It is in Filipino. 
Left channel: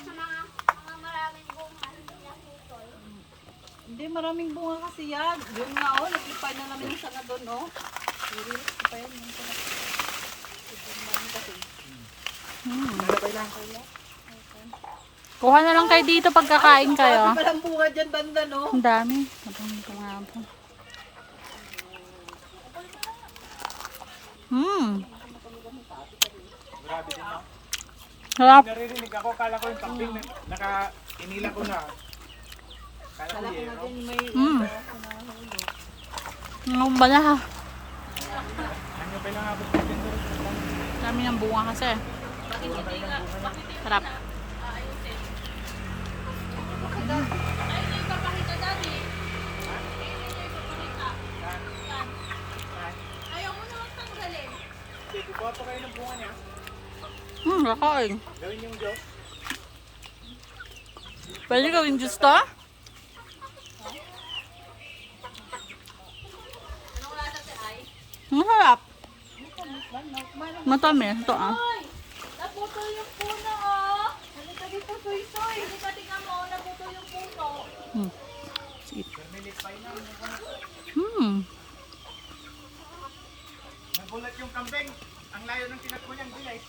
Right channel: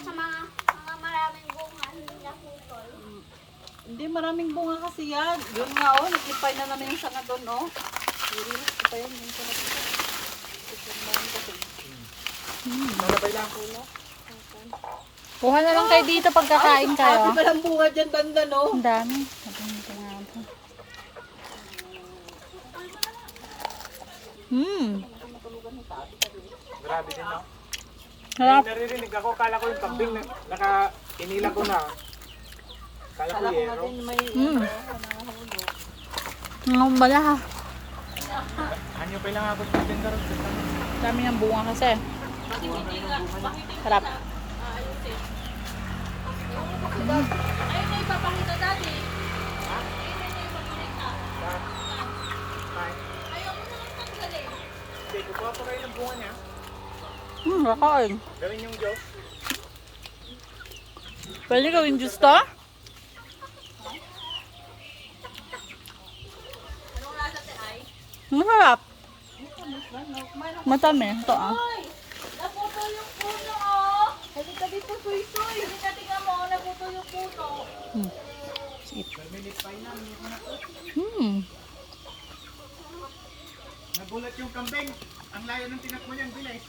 sa mga maraming bunga, hindi naputol. Hindi, maraming bunga kasi yan. Yun nga, oh, nakipay na naman yung sanga doon, oh. Yuri, nakipay yun. Nanabay lang ko na. Kuha na lang kayo dito pagkakain kayo. Kasi walang bunga dyan, banda, no? Ang dami. Ang kumabo. Grabe din, no? Sarap. Naririnig ako, kala ko yung kambing na inilang ko na. Kala ko Kala ko yero. natin may... Ang bala ha. Hanyo pa lang ako sa tender. Dami ng bunga kasi. Kuha kayo ng bunga na. Sarap. Ayaw mo naman tanggalin. Hindi, kukuha pa kayo ng bunga niya. Kakain. Gawin yung Diyos. Pwede gawin juice to? Ang sarap. Matamis ito ah. Hoy! Naputol yung puno, oh! Halika dito, suy-suy. Halika, tingnan mo, naputol yung puno. Nagulat yung kambing. Ang layo ng tinakbo niyan, bilis.